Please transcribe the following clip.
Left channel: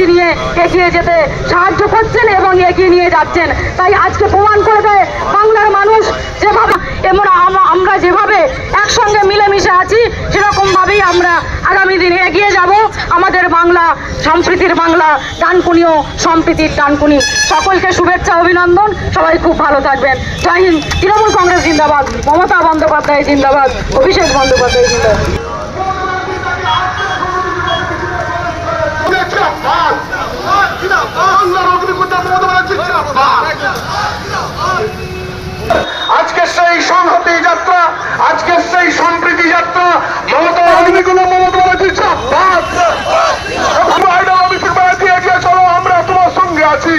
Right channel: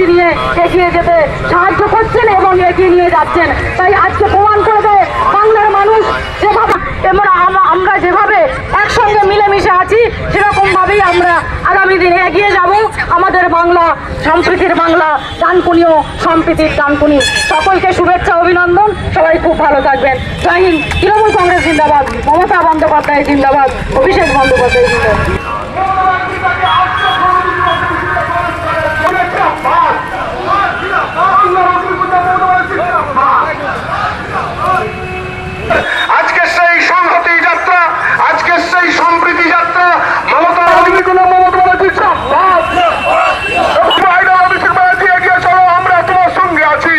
অনুমতি নিয়ে এগিয়ে যেতে সাহায্য করছেন এবং এগিয়ে নিয়ে যাচ্ছেন। তাই আজকে প্রমাণ করে দেয় বাংলার মানুষ যেভাবে আমরা যেভাবে একসঙ্গে মিলেমিশে আছি সেরকম ভাবেই আমরা আগামী দিনে এগিয়ে যাব। আমাদের বাংলা, সম্প্রীতির বাংলা ডানকুনিও সম্প্রীতির ডানকুনি। সকলকে শুভেচ্ছা, অভিনন্দন। সবাই খুব ভালো থাকবেন। জয় হিন্দ। তৃণমূল কংগ্রেস জিন্দাবাদ। মমতা বন্দ্যোপাধ্যায় জিন্দাবাদ। অভিষেক বন্দ্যোপাধ্যায় জিন্দাবাদ। আজকে সেই সংহতি যাত্রা আজকে সেই সম্প্রীতি যাত্রা মমতা মমতা আমরা তোমার সঙ্গে আছি।